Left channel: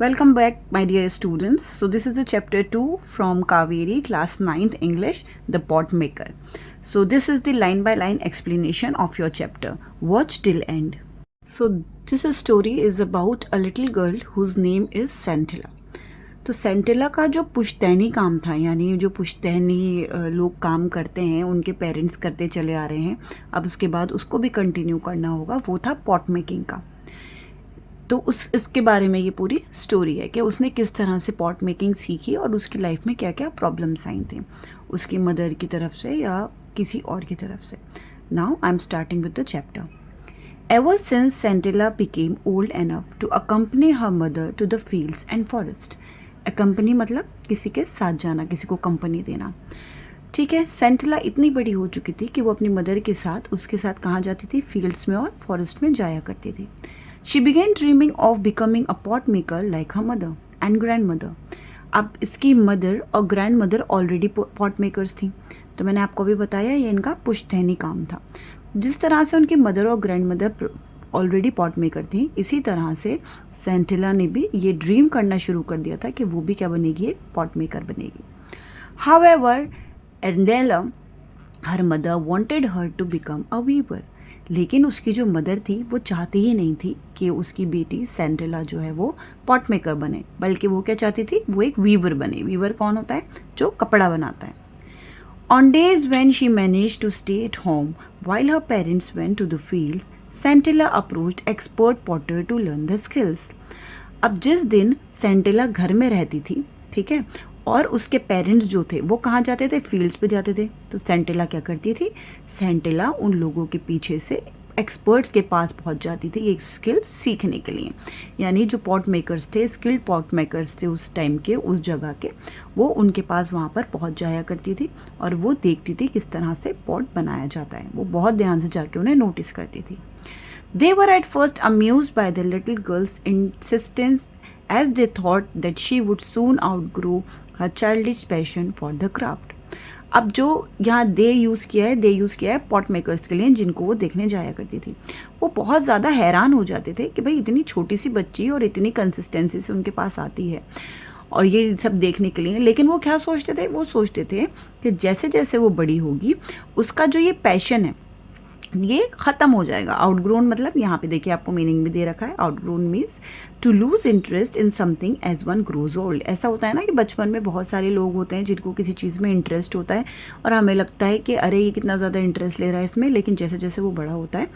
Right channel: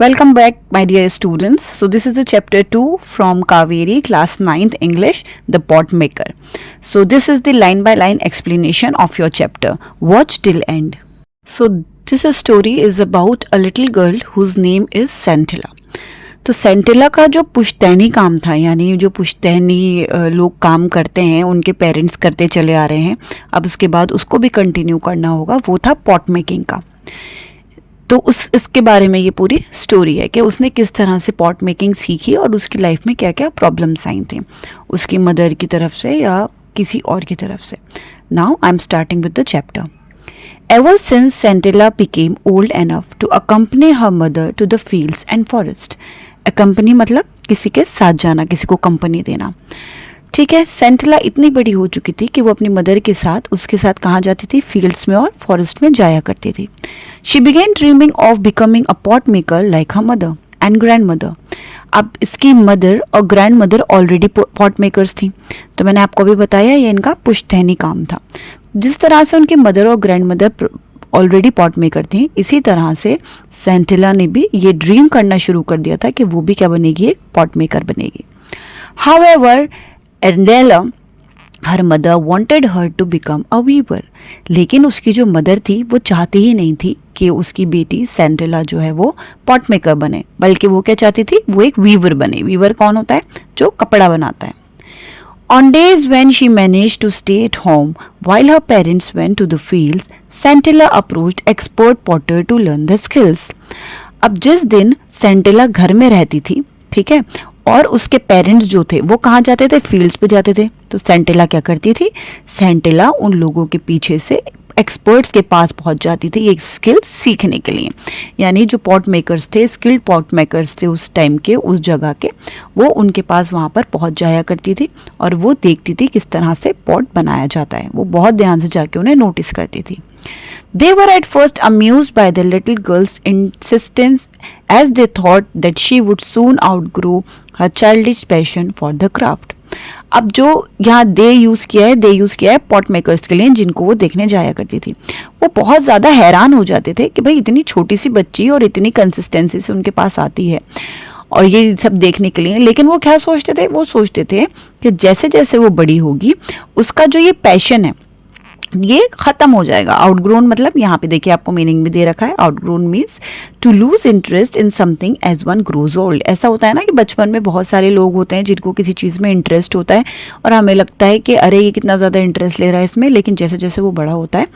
Welcome back, my dear students. So, this is the chapter 2 from Kaveri, class 9th English, The Pot Maker. So, this is the line by line explanation of your chapter. Watch till end. So, this story is about a little girl whose name is Scintilla. तो सेंटिला का जो पुश्तैनी काम था, यानी जो पुश्तैनी लोग काम करते हैं उनके पेरेंट्स करते चले आ रहे हैं, अब उसके बाद उसको भी कंटिन्यू करना होगा, वो था पॉट मेकिंग का। तो इसके बारे में ये पूरी स्टोरी है कि उसने किस तरह से पॉट मेकिंग सीखी और उसकी लाइफ में क्या क्या प्रॉब्लम्स आई थी, उसकी मदर की तरफ से या किसी और की तरफ से। Now I am starting with the chapter. Ever since Scintilla became old enough to accompany her mother to the fields and forest, accompany मतलब किसी के साथ जाना, किसी को कंपनी देना, ठीक है। सेंटिला इतनी बड़ी हो चुकी थी कि वो अपनी मदर के साथ उसके साथ कहाँ जाती थी, फील्ड्स में और फॉरेस्ट में जाया करती थी। She began dreaming of becoming a pot maker like her mother and grandmother. अब इसकी मदर और grandmother already pot makers थी, तो मैंने आपको भी बताया ये इनका पुश्तैनी काम था। जिस तरह से उनकी मदर और grandmother already pot maker थी, इसी तरह से सेंटिला ने भी ये ड्रीम करना शुरू कर दिया था कि वो भी क्या बनेगी, एक पॉट मेकर बनेगी। However Andela her mother wanted her to become a weaver, लेकिन उसकी जो मदर थी वो चाहती ही नहीं थी कि उसकी बेटी सेंटिला जो है वो पॉट मेकर बने, बल्कि वो क्या चाहती थी, वो एक वीवर बने। वीवर कौन होता है, जो कपड़ा बनाता है। On days when she managed to stay at home while her parents went to the fields, Scintilla approached expert potter to learn the skills. अब जिस दिन सेंटिला घर में रहती थी, ठीक है, और उसके पेरेंट्स जो थे वो कहाँ जाते थे, फील्ड्स पे जाते थे, तो सेंटिला क्या करती थी, सेंटिला उन लोगों के पीछे से एक्सपर्ट्स के पास पहुंच जाती थी एक स्किल सीखने के लिए। यानी जो पॉट मेकर्स थे, स्किल्ड पॉट मेकर्स थे उस टाइम के, उस जगह के, वो उनके पास वहाँ पर पहुंच जाया करती थी और वो देखती थी किस तरह से पॉट बनाया जाता है। वो बहुत ध्यान से जाके उन्हें नोटिस करती थी। They were at first amused by the little girl's insistence, as they thought that she would soon outgrow her childish passion for the craft. अब जो यहाँ दे यूज़ किया है पॉट मेकर्स के लिए, जिनको वो देखने जाया करती थी, वो बहुत ज़्यादा हैरान हो जाते थे कि भाई इतनी छोटी सी बच्ची और इतनी कंसिस्टेंसी से उनके पास आती है और ये सब देखने के लिए। लेकिन वो क्या सोचते थे, वो सोचते थे कि जैसे जैसे वो बड़ी होगी उसका जो ये पैशन है ये ख़त्म हो जाएगा। आउटग्रोन मतलब यहाँ पे देखिए आपको मीनिंग भी दे रखा है, outgrown means to lose interest in something as one grows old. ऐसा होता है ना कि बचपन में बहुत सारे लोग होते हैं जिनको किसी चीज़ में इंटरेस्ट होता है और हमें लगता है कि अरे ये कितना ज़्यादा इंटरेस्ट ले रहा है इसमें, लेकिन जैसे जैसे वो बड़ा होता है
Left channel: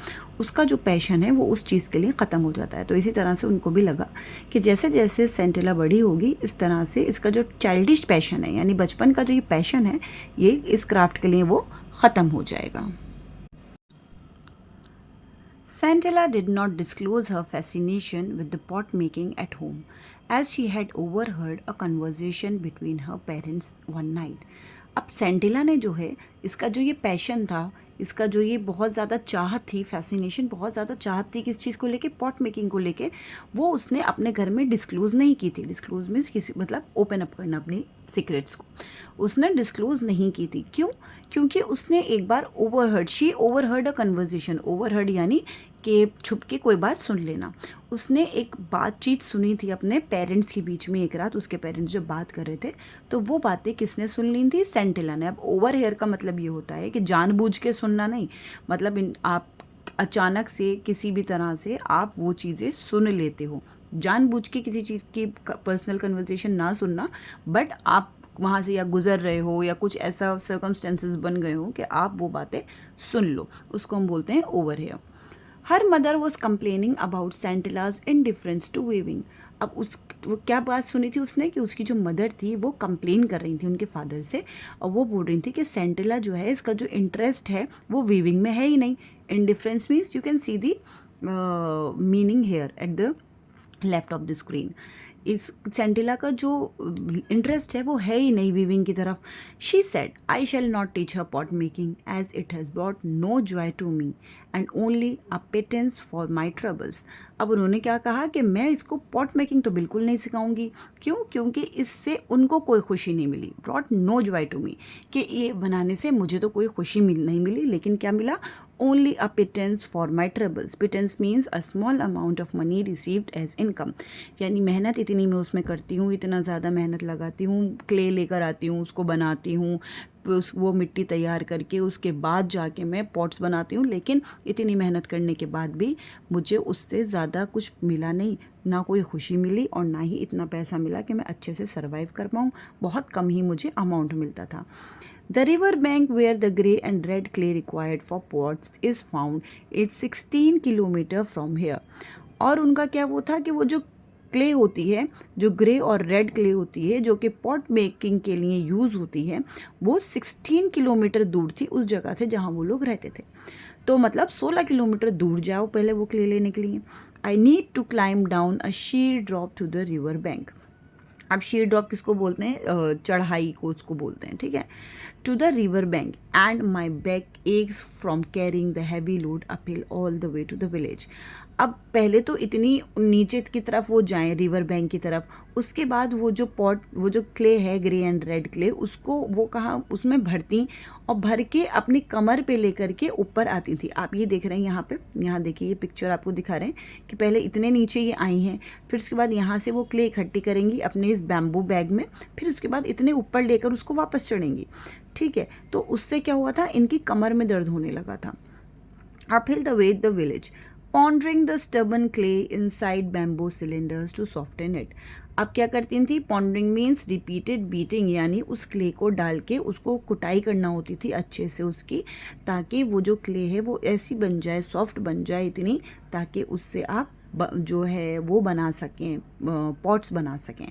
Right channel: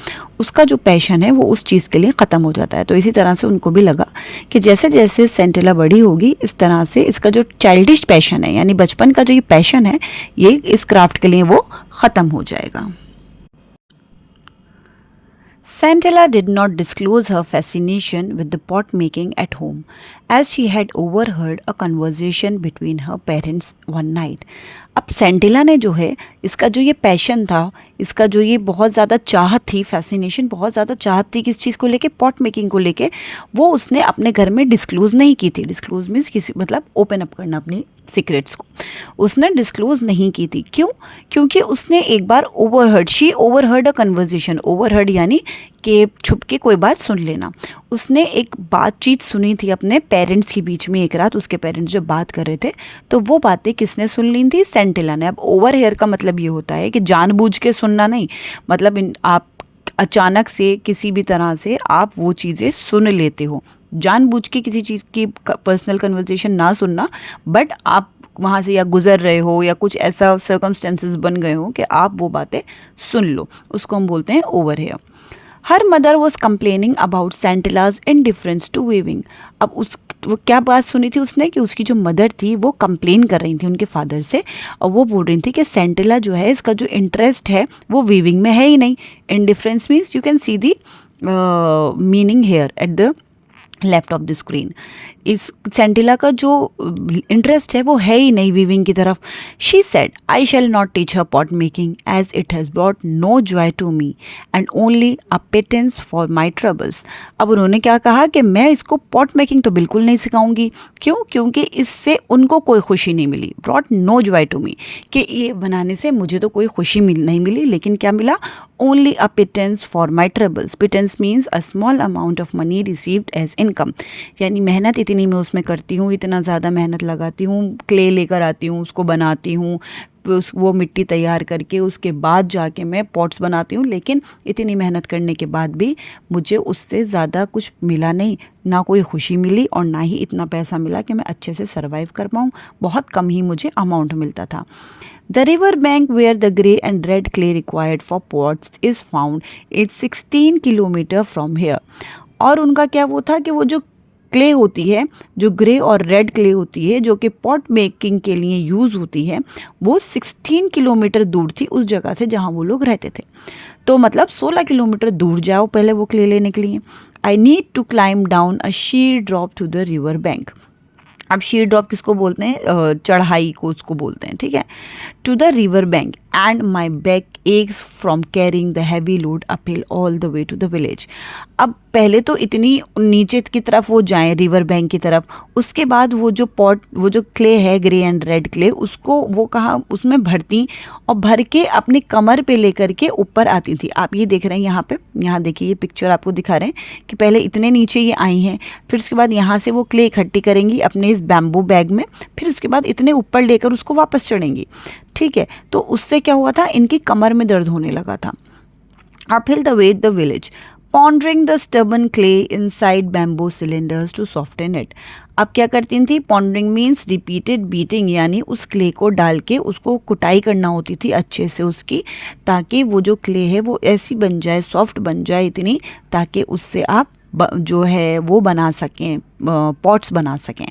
उसका जो पैशन है वो उस चीज़ के लिए ख़त्म हो जाता है। तो इसी तरह से उनको भी लगा कि जैसे जैसे सेंटिला बड़ी होगी इस तरह से इसका जो चाइल्डिश पैशन है, यानी बचपन का जो ये पैशन है, ये इस क्राफ्ट के लिए वो ख़त्म हो जाएगा। Scintilla did not disclose her fascination with the pot making at home, as she had overheard a conversation between her parents one night. अब सेंटिला ने जो है इसका जो ये पैशन था, इसका जो ये बहुत ज़्यादा चाहत थी, फैसिनेशन बहुत ज़्यादा चाहत थी किस चीज़ को लेके, पॉट मेकिंग को लेके, वो उसने अपने घर में डिस्क्लोज़ नहीं की थी। डिस्क्लोज़ मीन्स किसी मतलब ओपन अप करना अपनी सीक्रेट्स को, उसने डिस्क्लोज़ नहीं की थी। क्यों? क्योंकि उसने एक बार ओवरहर्ड अ कन्वर्जेशन, ओवरहर्ड यानी कि छुप के कोई बात सुन लेना। उसने एक बातचीत सुनी थी अपने पेरेंट्स के बीच में एक रात, उसके पेरेंट्स जब बात कर रहे थे तो वो बातें किसने सुन ली थी, सेंटिला ने। अब ओवर हेयर का मतलब ये होता है कि जानबूझ के सुनना नहीं, मतलब आप अचानक से किसी भी तरह से आप वो चीज़ें सुन लेते हो, जानबूझ के किसी चीज़ की पर्सनल कन्वर्सेशन ना सुनना, बट आप वहाँ से या गुज़र रहे हो या कुछ ऐसा सर्कमस्टेंसेस बन गए हो कि आप वो बातें सुन लो, उसको हम बोलते हैं over here. Her mother was complaining about Sentila's indifference to weaving. अब वो क्या बात सुनी थी उसने कि उसकी जो मदर थी वो कंप्लेन कर रही थी उनके फादर से, और वो बोल रही थी कि सेंटिला जो है इसका जो इंटरेस्ट है वो वीविंग में है ही नहीं। Indifference means you can see the meaning here at the left of the screen. इस सेंटिला का जो इंटरेस्ट है वो है ही नहीं वीविंग की तरफ। She said I shall not teach her pot making as it has brought no joy to me and only a pittance for my troubles. अब उन्होंने क्या कहा कि मैं इसको पॉट मेकिंग तो बिल्कुल नहीं सिखाऊंगी। क्यों? क्योंकि इससे उनको कोई खुशी नहीं मिली। Brought no joy to me, कि ये बनाने से मुझे तो कोई खुशी नहीं मिली, लेकिन क्या मिला, only a pittance for my troubles. Pittance means a small amount of money received as income. यानी मेहनत इतनी मैं उसमें करती हूँ, इतना ज़्यादा मेहनत लगाती हूँ, क्ले लेकर आती हूँ, उसको बनाती हूँ, वो मिट्टी तैयार करके उसके बाद जाके मैं पॉट्स बनाती हूँ, लेकिन इतनी मेहनत करने के बाद भी मुझे उससे ज़्यादा कुछ मिला नहीं, ना कोई खुशी मिली और ना ही इतना पैसा मिला कि मैं अच्छे से सर्वाइव कर पाऊँ, बहुत कम ही मुझे अमाउंट मिलता था. The river bank where the grey and red clay required for pots is found. It's 16 kilometre from here. और उनका क्या वो था कि वो जो क्ले होती है, जो ग्रे और रेड क्ले होती है, जो कि पॉट मेकिंग के लिए यूज़ होती है, वो 16 किलोमीटर दूर थी उस जगह से जहाँ वो लोग रहते थे. तो मतलब 16 किलोमीटर दूर जाओ पहले वो क्ले लेने के लिए. I need to climb down a sheer drop to the river bank. अब शीर ड्रॉप किसको बोलते हैं? चढ़ाई को उसको बोलते हैं, ठीक है. To the river bank and my back aches from carrying the heavy load uphill all the way to the village. अब पहले तो इतनी नीचे की तरफ वो जाएं रिवर बैंक की तरफ, उसके बाद वो जो क्ले है ग्रे एंड रेड क्ले, उसको वो कहाँ उसमें भरती और भर के अपनी कमर पे लेकर के ऊपर आती थी. आप ये देख रहे हैं यहाँ पे, यहाँ देखिए ये पिक्चर आपको दिखा रहे हैं कि पहले इतने नीचे ये आई हैं, फिर उसके बाद यहाँ से वो क्ले इकट्ठी करेंगी अपने इस बैम्बू बैग में, फिर उसके बाद इतने ऊपर लेकर उसको वापस चढ़ेंगी, ठीक है. तो उससे क्या हुआ था, इनकी कमर में दर्द होने लगा था. Uphill the way the village pondering the stubborn clay inside bamboo cylinders to soften it. अब क्या करती थी? pondering means repeated beating, यानी उस क्ले को डाल के उसको कुटाई करना होती थी अच्छे से उसकी, ताकि वो जो क्ले है वो ऐसी बन जाए, सॉफ्ट बन जाए इतनी, ताकि उससे आप जो है वो बना सकें, पॉट्स बना सकें.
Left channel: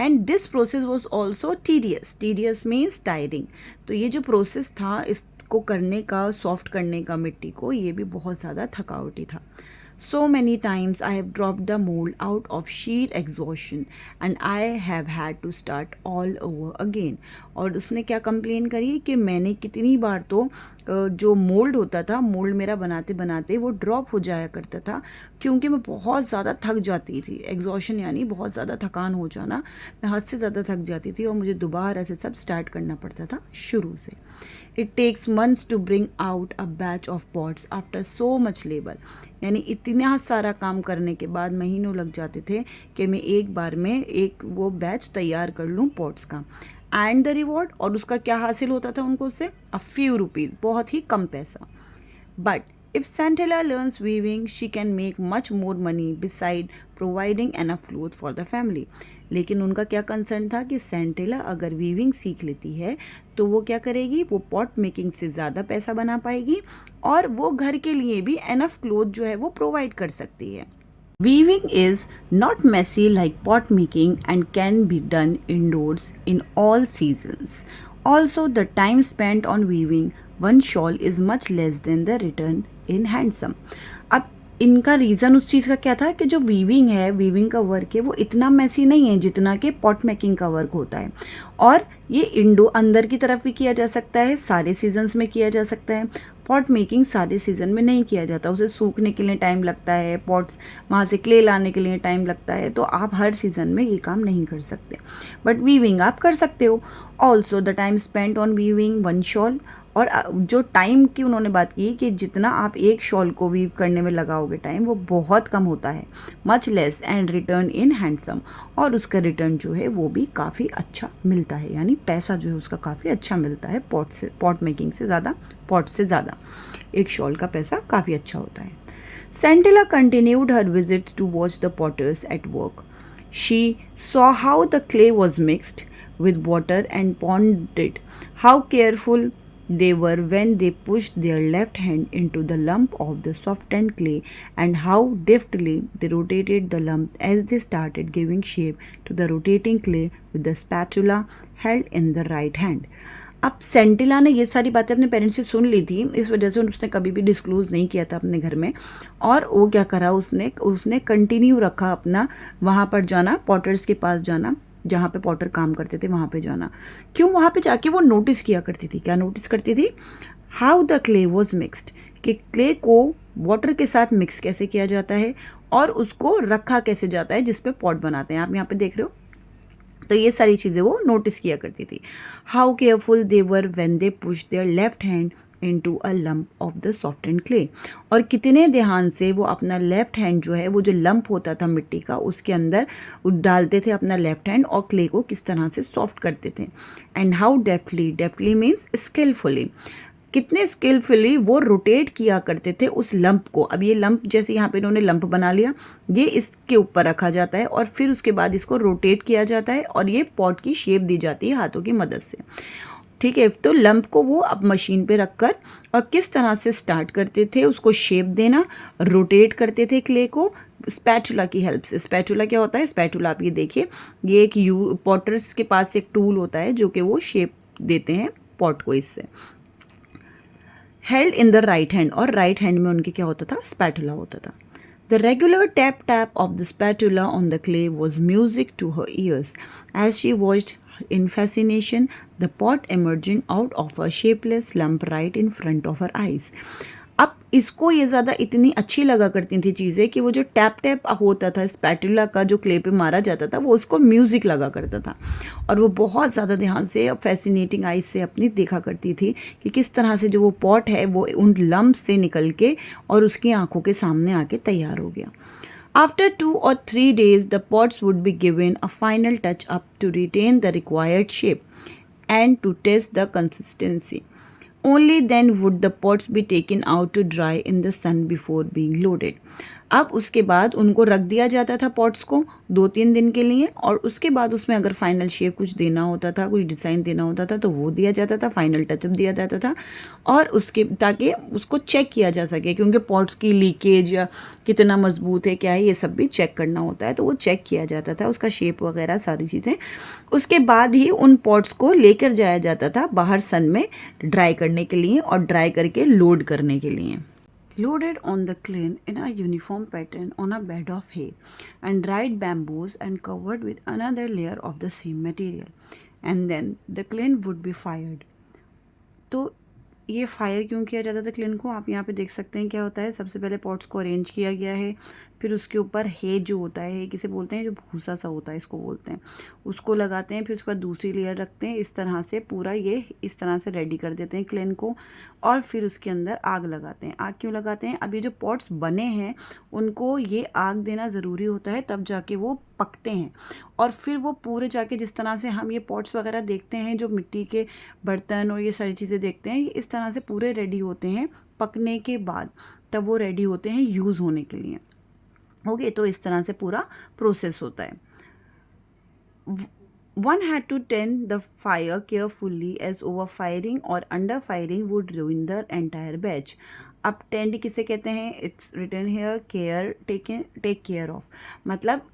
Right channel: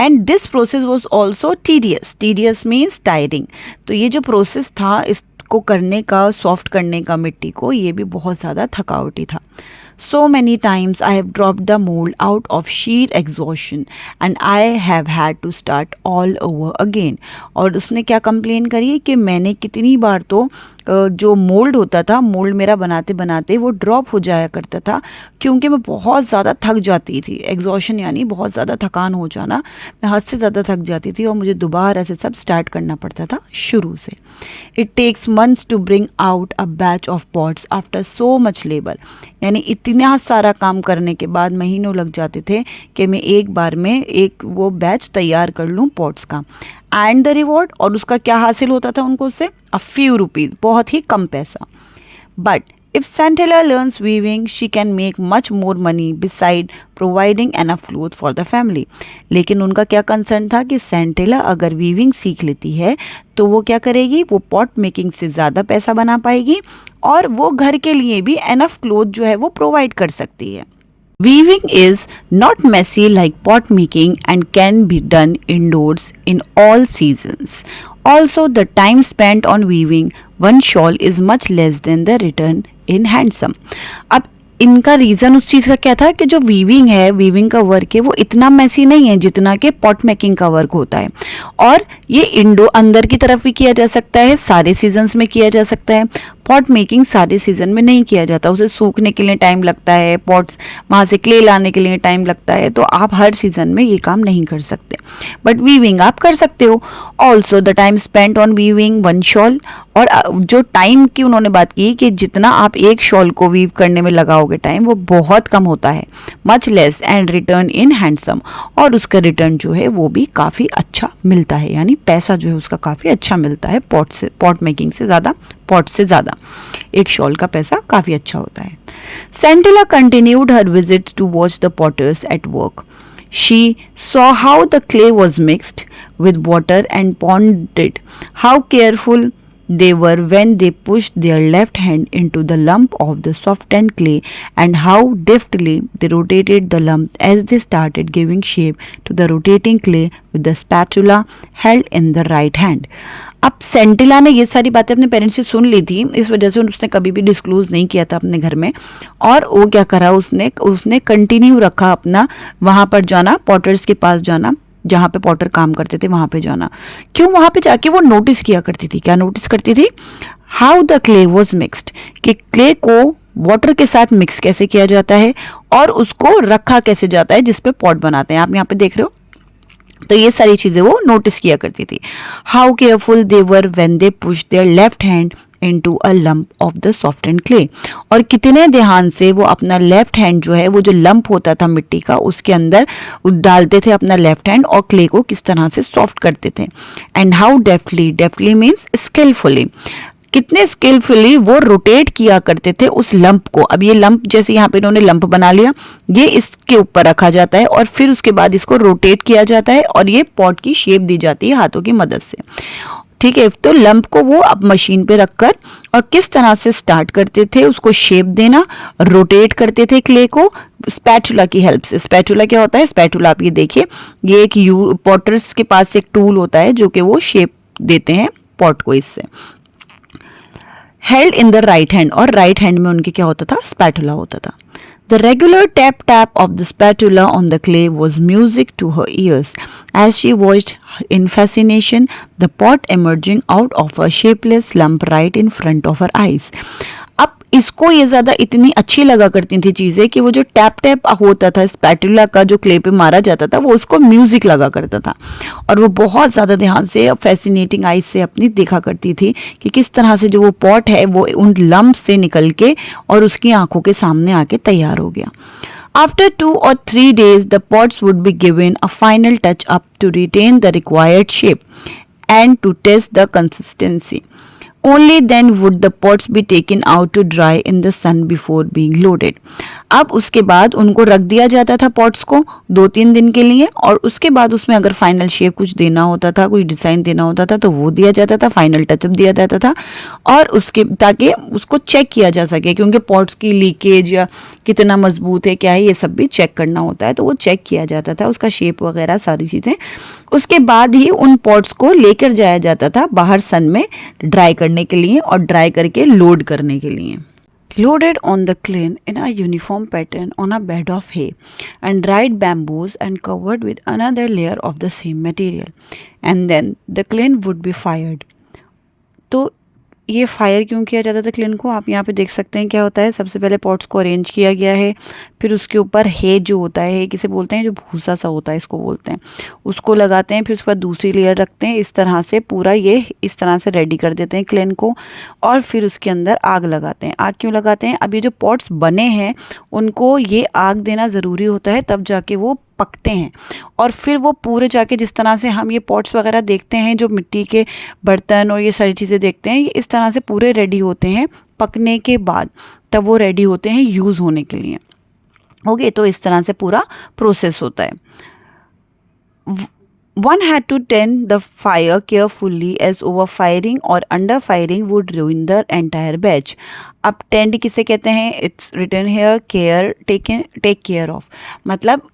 And this process was also tedious. Tedious means tiring. तो ये जो प्रोसेस था इसको करने का, सॉफ्ट करने का मिट्टी को, ये भी बहुत ज़्यादा थकावटी था. So many times I have dropped the mold out of sheer exhaustion and I have had to start all over again. और उसने क्या कंप्लेन करी कि मैंने कितनी बार तो जो मोल्ड होता था, मोल्ड मेरा बनाते बनाते वो ड्रॉप हो जाया करता था, क्योंकि मैं बहुत ज़्यादा थक जाती थी. एग्जॉशन यानी बहुत ज़्यादा थकान हो जाना, मैं हद से ज़्यादा थक जाती थी और मुझे दोबारा से सब स्टार्ट करना पड़ता था शुरू से. It takes months to bring out a batch of pots after so much labour. यानी इतना सारा काम करने के बाद महीनों लग जाते थे कि मैं एक बार में एक वो बैच तैयार कर लूँ पॉट्स का. एंड द रिवॉर्ड, और उसका क्या हासिल होता था उनको उससे? अ फ्यू रुपीज़, बहुत ही कम पैसा. But if Santella learns weaving, she can make much more money beside providing enough cloth for the family. लेकिन उनका क्या कंसर्न था कि सेंटेला अगर वीविंग सीख लेती है तो वो क्या करेगी, वो पॉट मेकिंग से ज़्यादा पैसा बना पाएगी और वो घर के लिए भी एनफ क्लोथ जो है वो प्रोवाइड कर सकती है. Weaving is not messy like pot making and can be done indoors in all seasons. Also, the time spent on weaving one shawl is much less than the return in handsome. अब इनका reason उस चीज़ का क्या था कि जो weaving है, weaving का वर्क है, वो इतना मैसी नहीं है जितना कि पॉट मेकिंग का वर्क होता है. और ये अंदर की तरफ भी किया जा सकता है, सारे सीजन्स में किया जा सकता है. पॉट मेकिंग सारे सीज़न में नहीं किया जाता, उसे सूखने के लिए टाइम लगता है, पॉट्स वहाँ से क्ले लाने के लिए टाइम लगता है, तो आप हर सीज़न में ये काम नहीं कर सकते. बट वीविंग आप कर सकते हो. Also the time spent on weaving one shawl, और जो टाइम की उन्होंने बात की कि जितना आप एक शॉल को वीव करने में लगाओगे टाइम, वो बहुत कम होता है. Much less and return in handsome, और उसका रिटर्न जो है वो भी काफ़ी अच्छा मिलता है, यानी पैसा जो है उसका काफ़ी अच्छा मिलता है पॉट मेकिंग से ज़्यादा, पॉट से ज़्यादा एक शॉल का पैसा काफ़ी अच्छा होता है. Centella continued her visits to watch the potters at work. She saw how the clay was mixed with water and pounded, how careful they were when they pushed their left hand into the lump of the softened clay, and how deftly they rotated the lump as they started giving shape to the rotating clay with the spatula held in the right hand. अब सेंटिला ने ये सारी बातें अपने parents से सुन ली थी, इस वजह से उसने कभी भी डिस्क्लोज नहीं किया था अपने घर में, और वो क्या करा, उसने कंटिन्यू रखा अपना वहाँ पर जाना, पॉटर्स के पास जाना, जहाँ पे पॉटर काम करते थे वहाँ पे जाना. क्यों? वहाँ पे जाके वो नोटिस किया करती थी. क्या नोटिस करती थी? How the clay was mixed, कि क्ले को वाटर के साथ मिक्स कैसे किया जाता है और उसको रखा कैसे जाता है जिस पे पॉट बनाते हैं. आप यहाँ पे देख रहे हो, तो ये सारी चीज़ें वो नोटिस किया करती थी. How careful they were when they push their left hand into a lump of the softened clay. और कितने ध्यान से वो अपना लेफ्ट हैंड जो है, वो जो लंप होता था मिट्टी का, उसके अंदर डालते थे अपना लेफ्ट हैंड और क्ले को किस तरह से सॉफ्ट करते थे. And how deftly, deftly means skilfully, कितने स्किलफुली वो रोटेट किया करते थे उस लंप को. अब ये लंप, जैसे यहाँ पे इन्होंने लंप बना लिया, ये इसके ऊपर रखा जाता है और फिर उसके बाद इसको रोटेट किया जाता है और ये पॉट की शेप दी जाती है हाथों की मदद से. ठीक है, तो लंप को वो अब मशीन पे रखकर और किस तरह से स्टार्ट करते थे उसको शेप देना, रोटेट करते थे क्ले को स्पैचुला की हेल्प से. स्पैचुला क्या होता है? स्पैचुला आप ये देखिए, ये एक पॉटर्स के पास एक टूल होता है जो कि वो शेप देते हैं पॉट को इससे. Held in the right hand, और राइट हैंड में उनके क्या होता था? स्पैटुला होता था. The regular tap tap of the spatula on the clay was music to her ears as she watched in fascination the pot emerging out of a shapeless lump right in front of her eyes. अब इसको ये ज़्यादा इतनी अच्छी लगा करती थी चीज़ें कि वो जो टैप टैप होता था स्पैटुला का, जो क्ले पे मारा जाता था, वो उसको म्यूज़िक लगा करता था और वो बहुत ज़्यादा ध्यान से फैसिनेटिंग आइज से अपनी देखा करती थी कि किस तरह से जो वो पॉट है वो उन लम्प से निकल के और उसकी आंखों के सामने आके तैयार हो गया. After 2 or 3 days, the pots would be given a final touch up to retain the required shape and to test the consistency. Only then would the pots be taken out to dry in the sun before being loaded. अब उसके बाद उनको रख दिया जाता था pots को 2-3 दिन के लिए और उसके बाद उसमें अगर फाइनल शेप कुछ देना होता था, कुछ डिज़ाइन देना होता था तो वो दिया जाता था, फाइनल टचअप दिया जाता था और उसके ताकि उसको चेक किया जा सके, क्योंकि पॉट्स की लीकेज या कितना मजबूत है क्या है ये सब भी चेक करना होता है, तो वो चेक किया जाता था, उसका शेप वगैरह सारी चीज़ें. उसके बाद ही उन पॉट्स को लेकर जाया जाता था बाहर सन में ड्राई करने के लिए और ड्राई करके लोड करने के लिए. Loaded on the kiln in a uniform pattern on a bed of hay and dried bamboos and covered with another layer of the same material, and then the kiln would be fired. तो ये fire क्यों किया जाता था clean को? आप यहाँ पे देख सकते हैं क्या होता है. सबसे पहले पॉट्स को अरेंज किया गया है, फिर उसके ऊपर हे जो होता है, किसे बोलते हैं, जो भूसा सा होता है इसको बोलते हैं, उसको लगाते हैं, फिर उसके बाद दूसरी लेयर रखते हैं. इस तरह से पूरा ये इस तरह से रेडी कर देते हैं क्लिन को और फिर उसके अंदर आग लगाते हैं. आग क्यों लगाते हैं? अब ये जो पॉट्स बने हैं उनको ये आग देना ज़रूरी होता है, तब जाके वो पकते हैं और फिर वो पूरे जाके जिस तरह से हम ये पॉट्स वगैरह देखते हैं, जो मिट्टी के बर्तन और ये सारी चीज़ें देखते हैं, ये इस तरह से पूरे रेडी होते हैं पकने के बाद, तब वो रेडी होते हैं यूज़ होने के लिए. ओके, तो इस तरह से पूरा प्रोसेस होता है. One had to tend the fire carefully as overfiring or underfiring would ruin the entire batch. अब टेंड किसे कहते हैं? It's written here care, take care of, मतलब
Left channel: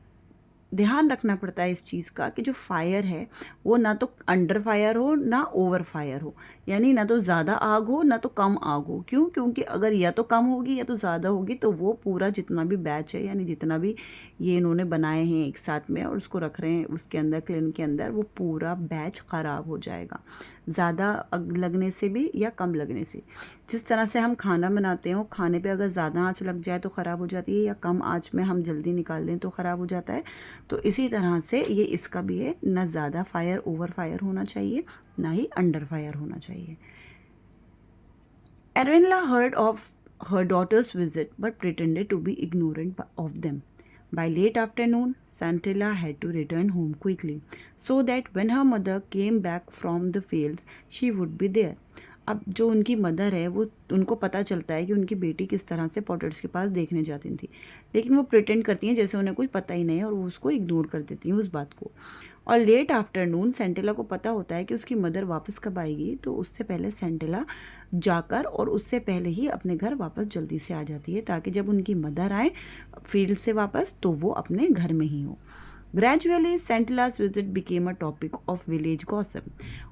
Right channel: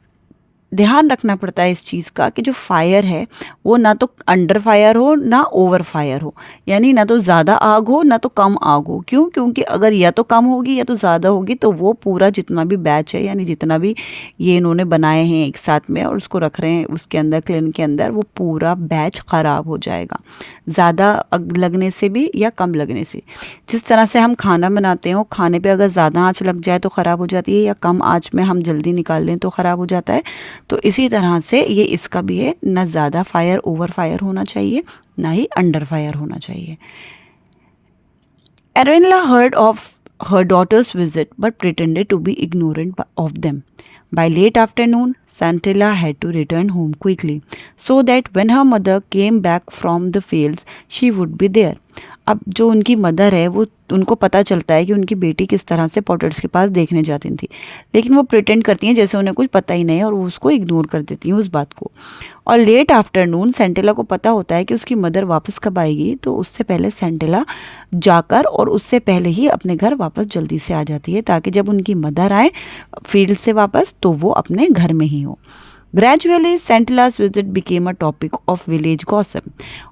ध्यान रखना पड़ता है इस चीज़ का कि जो फायर है वो ना तो अंडर फायर हो ना ओवर फायर हो, यानी ना तो ज़्यादा आग हो ना तो कम आग हो. क्यों? क्योंकि अगर या तो कम होगी या तो ज़्यादा होगी तो वो पूरा जितना भी बैच है, यानी जितना भी ये इन्होंने बनाए हैं एक साथ में और उसको रख रहे हैं उसके अंदर क्लिन के अंदर, वो पूरा बैच ख़राब हो जाएगा, ज़्यादा आग लगने से भी या कम लगने से. जिस तरह से हम खाना बनाते हो, खाने पे अगर ज़्यादा आँच लग जाए तो ख़राब हो जाती है या कम आँच में हम जल्दी निकाल लें तो ख़राब हो जाता है. तो इसी तरह से ये इसका भी है, ना ज़्यादा फायर ओवर फायर होना चाहिए ना ही अंडर फायर होना चाहिए. Arenilla heard of her daughter's visit but pretended to be ignorant of them. By late afternoon, Santilla had to return home quickly so that when her mother came back from the fields, she would be there. अब जो उनकी mother है वो उनको पता चलता है कि उनकी बेटी किस तरह से पॉटर्स के पास देखने जाती थी, लेकिन वो प्रिटेंड करती हैं जैसे उन्हें कुछ पता ही नहीं है और वो उसको इग्नोर कर देती हैं उस बात को. और लेट आफ्टरनून सेंटेला को पता होता है कि उसकी मदर वापस कब आएगी, तो उससे पहले सेंटेला जाकर और उससे पहले ही अपने घर वापस जल्दी से आ जाती है ताकि जब उनकी मदर आए फील्ड से वापस तो वो अपने घर में ही हो. Gradually, Santilla's visit became a topic of village gossip.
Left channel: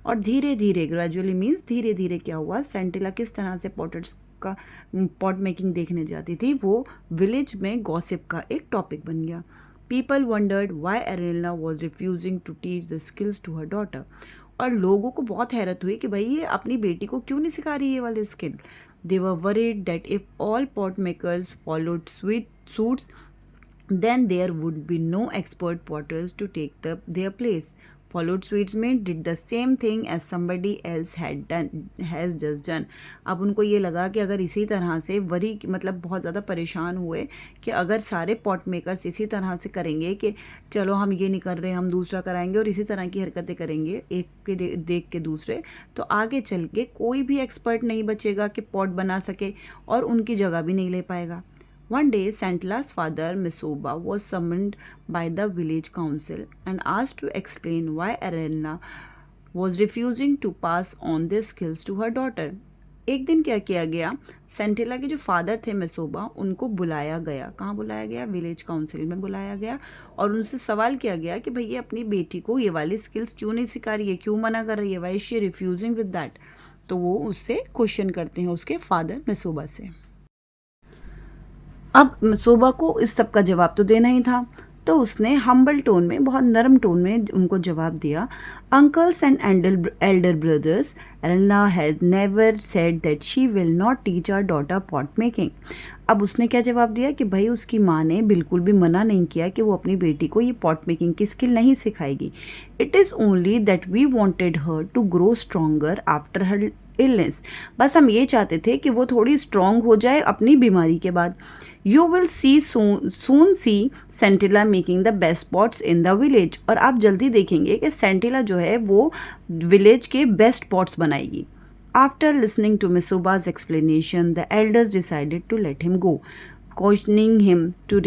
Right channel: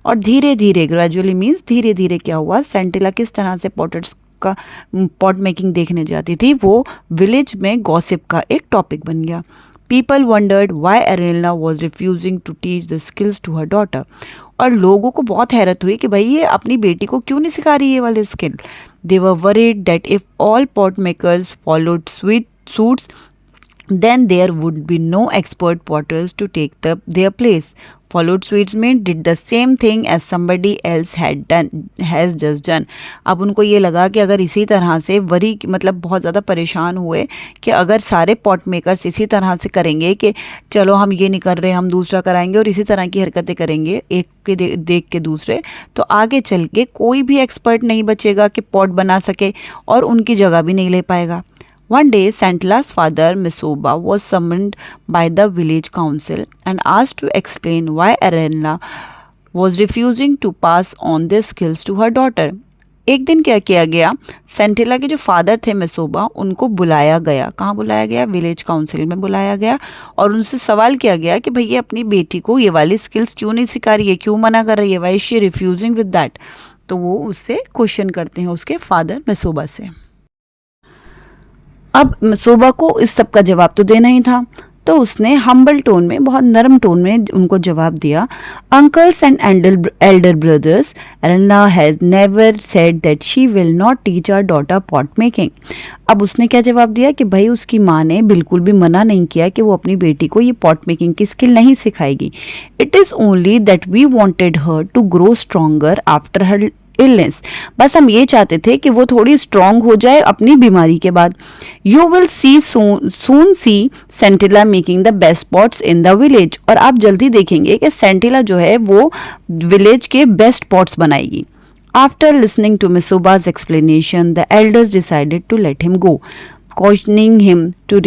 और धीरे धीरे, ग्रेजुअली मीन्स धीरे धीरे क्या हुआ, सेंटिला किस तरह से पॉटर्स का पॉट मेकिंग देखने जाती थी वो विलेज में गॉसिप का एक टॉपिक बन गया. People wondered why Arenilla was refusing to teach the skills to her daughter. और लोगों को बहुत हैरत हुई कि भाई ये अपनी बेटी को क्यों नहीं सिखा रही ये वाले skill. They were worried that if all pot makers followed suits, then there would be no expert potters to take their place. Followed suits mean did the same thing as somebody else has just done. अब उनको ये लगा कि अगर इसी तरह से worry मतलब बहुत ज़्यादा परेशान हुए कि अगर सारे पॉट मेकर्स इसी तरह से करेंगे कि चलो हम ये नहीं कर रहे हम दूसरा कराएंगे और इसी तरह की हरकतें करेंगे एक के देख के दूसरे, तो आगे चल के कोई भी एक्सपर्ट नहीं बचेगा कि पॉट बना सके और उनकी जगह भी नहीं ले पाएगा. One day, Santila's father, Misoba, was summoned by the village council and asked to explain why Arenla was refusing to pass on their skills to her daughter. एक दिन क्या किया गया, सेंटिला के जो फादर थे मिसोबा, उनको बुलाया गया. कहाँ बुलाया गया? विलेज काउंसिल में बुलाया गया और उनसे सवाल किया गया कि भैया अपनी बेटी को ये वाली स्किल्स क्यों नहीं सिखा रही है, क्यों मना कर रही है, why she refusing with that. तो वो उससे क्वेश्चन करते हैं उसके फादर मिसोबा से. अब मिसोबा को इस सब का जवाब तो देना ही था, तो उसने हम्बल टोन में, बहुत नरम टोन में उनको जवाब दिया. Uncles and elder brothers, Arena has never said that she will not teach our daughter pot making. अब उसने क्या जवाब दिया कि भाई उसकी माँ ने बिल्कुल भी मना नहीं किया कि वो अपनी बेटी को ये पॉट मेकिंग की स्किल नहीं सिखाएगी. It is only that we wanted her to grow stronger after her illness. बस हम ये चाहते थे कि वो थोड़ी स्ट्रांग हो जाए अपनी बीमारी के बाद. You will see soon see Sentila making the best pots in the village. और आप जल्दी देखेंगे कि सेंटिला जो है वो विलेज के बेस्ट पॉट्स बनाएगी. After listening to Misoba's explanation the elders decided to let him go, cautioning him to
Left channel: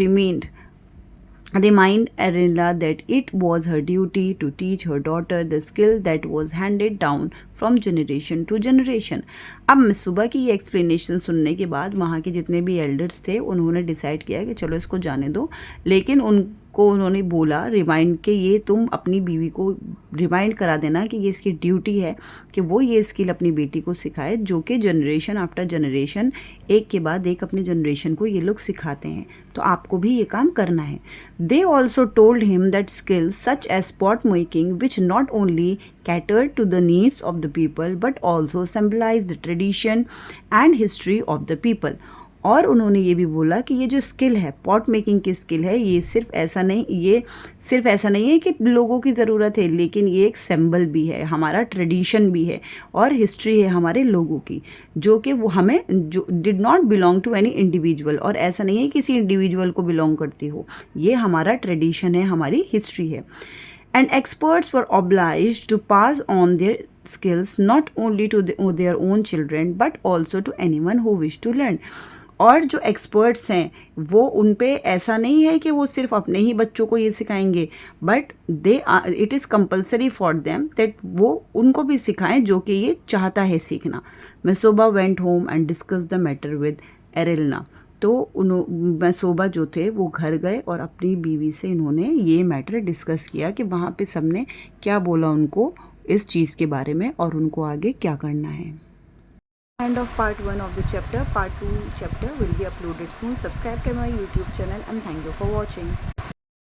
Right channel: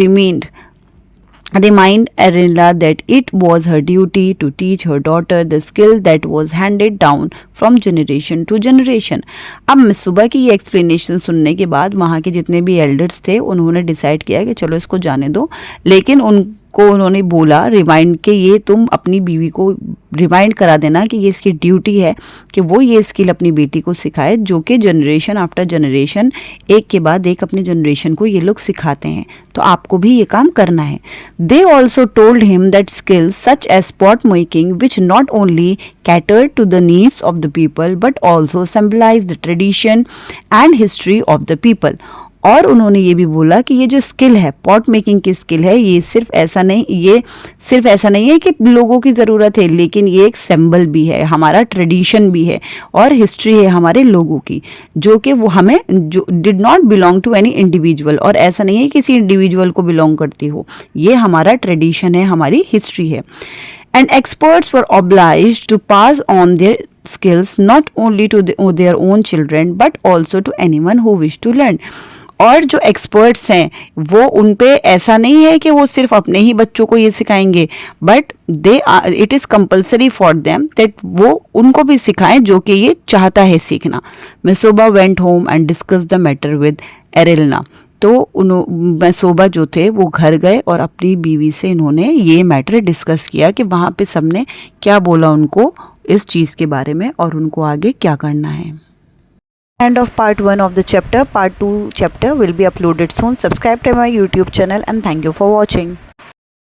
remind Arenla that it was her duty to teach her daughter the skill that was handed down from generation to generation. अब मिसुबा की ये explanation सुनने के बाद वहाँ के जितने भी एल्डर्स थे उन्होंने डिसाइड किया कि चलो इसको जाने दो, लेकिन उनको उन्होंने बोला रिमाइंड कि ये तुम अपनी बीवी को रिमाइंड करा देना कि ये इसकी ड्यूटी है कि वो ये स्किल अपनी बेटी को सिखाए, जो कि जनरेशन आफ्टर जनरेशन एक के बाद एक अपने जनरेशन को ये लोग सिखाते हैं, तो आपको भी ये काम करना है. They also told him that skills such as pot making which not only cater to the needs of the people but also symbolize the tradition and history of the people. और उन्होंने ये भी बोला कि ये जो स्किल है, pot making की स्किल है, ये सिर्फ ऐसा नहीं है कि लोगों की ज़रूरत है, लेकिन ये एक सिंबल भी है, हमारा ट्रेडिशन भी है और हिस्ट्री है हमारे लोगों की, जो कि वो हमें जो did not belong to any individual, और ऐसा नहीं है किसी इंडिविजुअल को बिलोंग करती हो, ये हमारा ट्रेडिशन है, हमारी हिस्ट्री है. And experts were obliged to pass on their skills not only to their own children but also to anyone who wished to learn. और जो एक्सपर्ट्स हैं वो उन पे ऐसा नहीं है कि वो सिर्फ अपने ही बच्चों को ये सिखाएंगे, but it is compulsory for them that वो उनको भी सिखाएं जो कि ये चाहता है सीखना. Misoba went home and discuss the matter with Arelna. तो मिसोबा जो थे वो घर गए और अपनी बीवी से इन्होंने ये मैटर डिस्कस किया कि वहाँ पे सबने क्या बोला उनको इस चीज़ के बारे में और उनको आगे क्या करना है. End of part 1 of the chapter. Part 2 chapter will be uploaded soon. Subscribe to my YouTube channel and thank you for watching.